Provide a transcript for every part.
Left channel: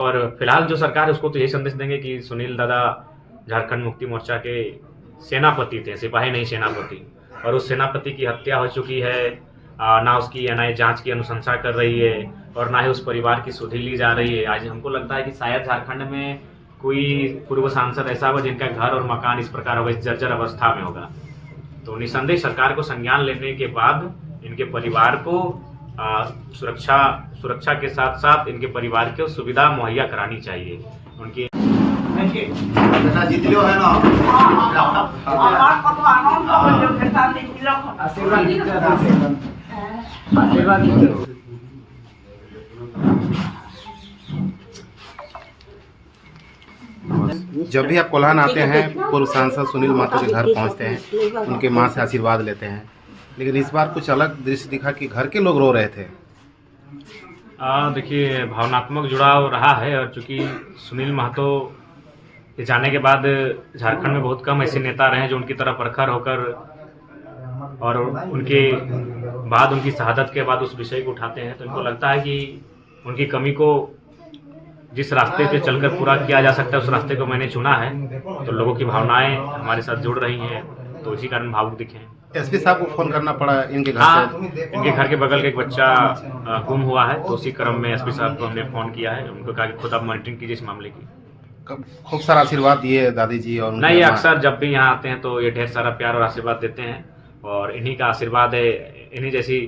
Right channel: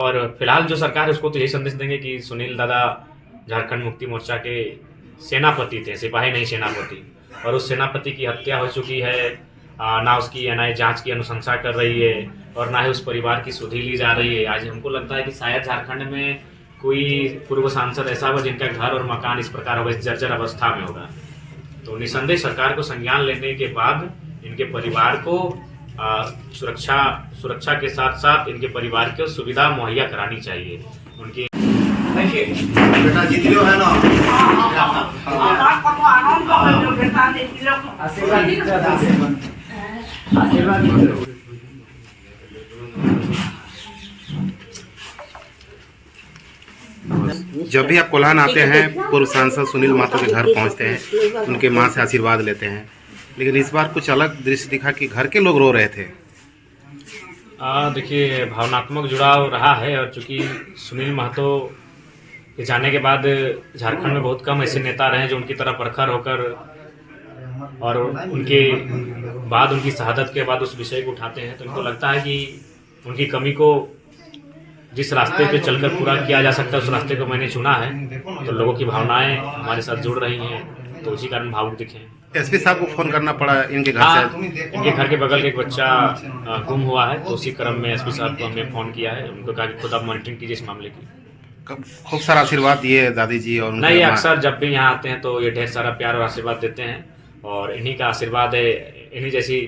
और फिलहाल जो सरकार है उसको तो यही संदेश देंगे कि सुनील दादा झारखंड मुक्ति मोर्चा के सेनापति थे, सिपाही नहीं सेनापति, और उस सेनापति की हत्या हो चुकी है। ना उसकी एनआईए जांच की अनुशंसा कर रही है और ना ही उस परिवार की सुधि ली जा रही है। आज हमको लगता है कि शायद झारखंड में कोई पूर्व सांसद ऐसा होगा जिनका घर और मकान इस प्रकार होगा, इस जर्जर अवस्था में होगा। तो निसंदेह सरकार को संज्ञान लेने के बाद इनके परिवार को सुरक्षा के साथ साथ इनके परिवार को सुविधा मुहैया करानी चाहिए। उनकी बेटा जीतियो है ना। जब भी आप कोल्हान आते हैं पूर्व सांसद सुनील महतो के घर पहुंचते हैं, उनके मां से आशीर्वाद लेते हैं, लेकिन इस बार कुछ अलग दृश्य दिखा कि घर के लोग रो रहे थे। देखिए, भावनात्मक जुड़ाव रहा है और चूंकि सुनील महतो के जाने के बाद झारखंड में बहुत कम ऐसे नेता रहे हैं जो उनकी तरह प्रखर होकर और उनके बाद उनकी शहादत के बाद उस विषय को उठाते हैं। तो इनको लगता है कि उनकी कमी को जिस रास्ते पे चलकर पूरा किया जा सकता है उस रास्ते को मैंने चुना है। तो लोगों की भावनाएं हमारे साथ जुड़ रही हैं, तो इसी कारण भावुक दिखे। एसपी साहब को फोन करना पड़ा इनके घर से। इनके घर के बगल के एक बच्चा गुम हुआ है, तो उसी क्रम में एसपी साहब को हमने फोन किया है। उनको कहा कि खुद आप मॉनिटरिंग कीजिए इस मामले की। खूब सारा आशीर्वाद दिए दादी जी और नहीं, ये अक्सर जब भी यहाँ आते हैं तो ये ढेर सारा प्यार और आशीर्वाद देते हैं, और इन्हीं का आशीर्वाद है, इन्हीं जैसी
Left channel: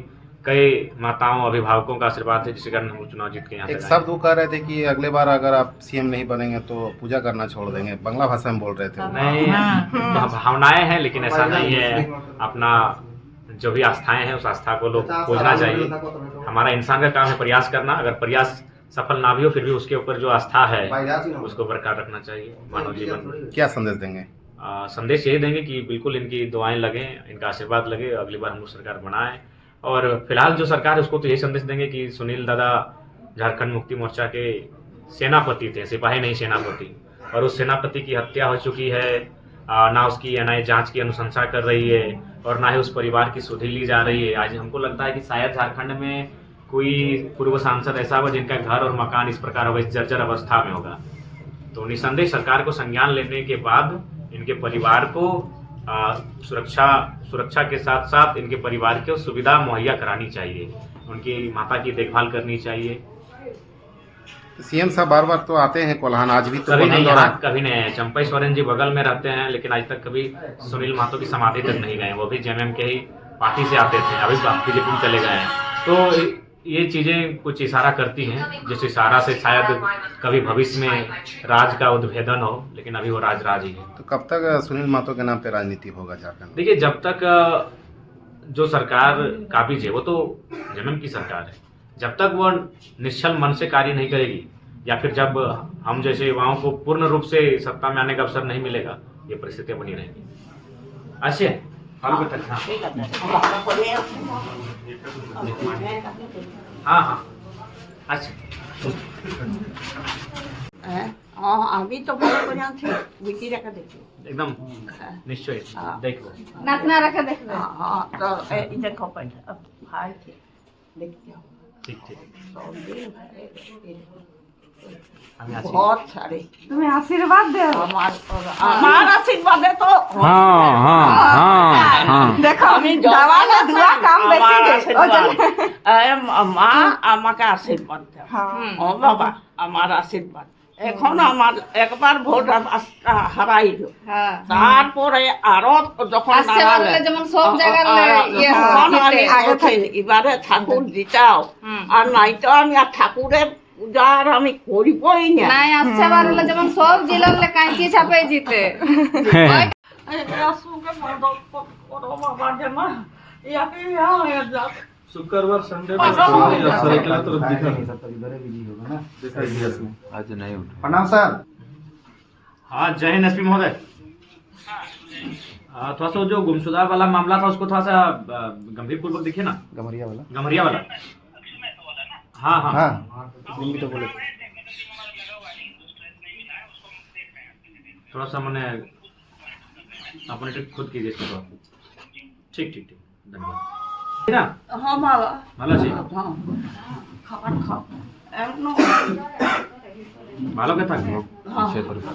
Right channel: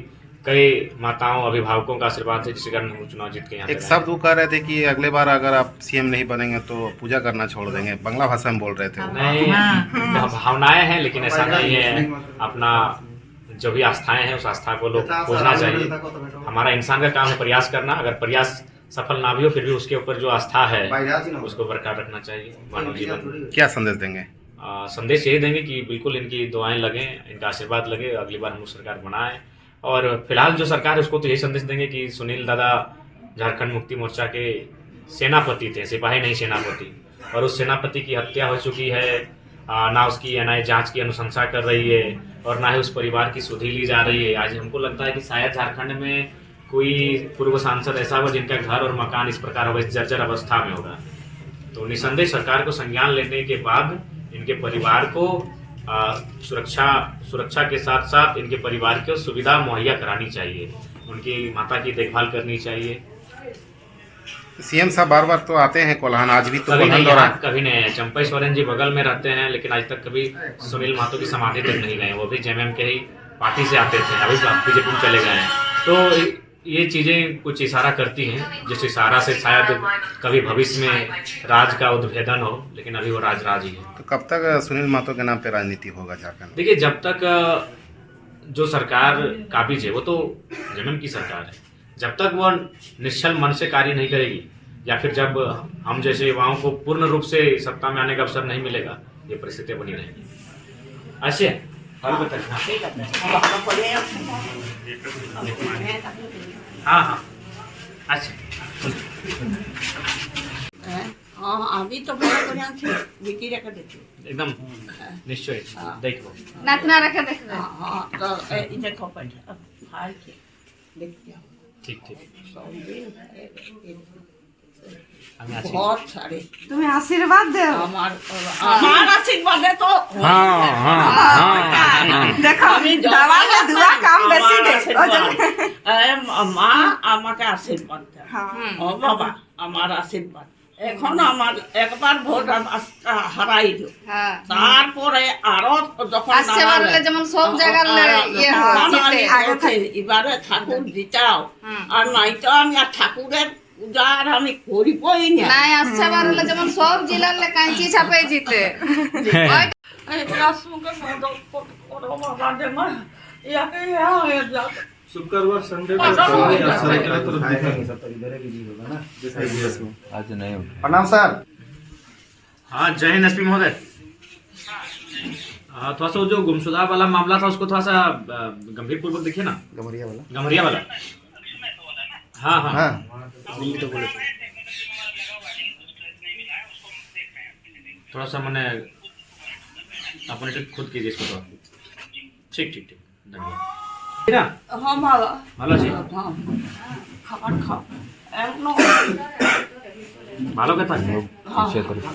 कई माताओं अभिभावकों का आशीर्वाद है जिसके कारण हम चुनाव जीत के यहाँ। एक शब्द वो कह रहे थे कि अगले बार अगर आप सीएम नहीं बनेंगे तो पूजा करना छोड़ देंगे, बांग्ला भाषा में बोल रहे थे। नहीं, भावनाएं हैं, लेकिन ऐसा नहीं है। अपना जो भी आस्थाएं हैं उस आस्था को लोग पूजना चाहिए। हमारा इंसान का काम है प्रयास करना, अगर प्रयास सफल ना भी हो फिर भी उसके ऊपर जो आस्था है उसको बरकरार रखना चाहिए मानव जीवन। क्या संदेश देंगे? संदेश यही देंगे कि बिल्कुल इनकी दुआएं लगें, इनका आशीर्वाद लगे, अगली बार हम लोग सरकार बनाएं। और फिलहाल जो सरकार है उसको तो यही संदेश देंगे कि सुनील दादा झारखंड मुक्ति मोर्चा के सेनापति थे, सिपाही नहीं सेनापति, और उस सेनापति की हत्या हो चुकी है। ना उसकी एनआईए जांच की अनुशंसा कर रही है और ना ही उस परिवार की सुधि ली जा रही है। आज हमको लगता है कि शायद झारखंड में कोई पूर्व सांसद ऐसा होगा जिनका घर और मकान इस प्रकार होगा, इस जर्जर अवस्था में होगा। तो निसंदेह सरकार को संज्ञान लेने के बाद इनके परिवार को सुरक्षा के साथ साथ इनके परिवार को सुविधा मुहैया करानी चाहिए। उनकी माता की देखभाल करनी चाहिए। सीएम साहब बार बार तो आते हैं कोल्हान, आज भी तो कभी नहीं है। चंपई सोरेन जी बगल में रहते हैं, लेकिन आज तक कभी सुनील महतो की समाधि तक नहीं गए। वो भी जेएमएम के ही पार्टी से आते थे, अभी बीजेपी में चले गए हैं। तो ये चीज़ें कुछ इशारा करती हैं, जिस इशारा से शायद कभी भविष्य में राज का उद्भेदन हो, लेकिन अभी वो राज ही है। तो कब तक सुनील महतो के नाम पे राजनीति होगा झारखंड? देखिए, जब तक जो सरकार काबिज है वो तो जेएमएम की सरकार है, जब तक वो निश्चल मन से कार्य नहीं करेगी या फिर जब हम जैसे युवाओं को पूर्ण रूप से सत्ता में आने का अवसर नहीं मिलेगा, ये परिस्थितियां बनी रहेंगी। ऐसे हाँ अच्छा আমি তো ভালো করে আছি, বিটি রেখে দেখি एकदम निश्चय देखो नाचना रखे देख। हाँ तो ये देखो भाई के देखते हो ठीक আমি আছি। बहुत सारे তুমি আশীর্বাদ দাও। আমার আশীর্বাদে তো দেখো আমি দাঁড়ালে দুয়া কাম বেশি দেয়। মা আমাকে আশীর্বাদ দাও। ও বাবা আমার আশীর্বাদ। এখন আমার একবার ভোট হারাইল, তারপরে আরো যখন যেমন সব জায়গায় এবারে ঠাকুর দিতাও, আর নাই তো আমি আর ঠাকুরের পূজা আর আমি করিবই না। নাই আসছে বার হলে যেমন সব জেলার কাঁচি ছাপে জিতে। বাবা যেমন ইয়াকে शुक्रवार संडे आज नहीं। प्रणाम सर। हाँ, जय हिंद एसपी महोदय। थोड़ा सा जो गुमशुदा वाला मामला था उसको थोड़ा सा गंभीर पूर्वक देखिए ना। गमरिया वाला हाँ हाँ हाँ तो बोले थोड़ा सा मैंने अपने खुद कीजिए इसको थोड़ा। ठीक धन्यवाद। हाँ ভালো ভালো আছি। খাবার খাও এমন ভালো কথা हम लोग पीछे तरफ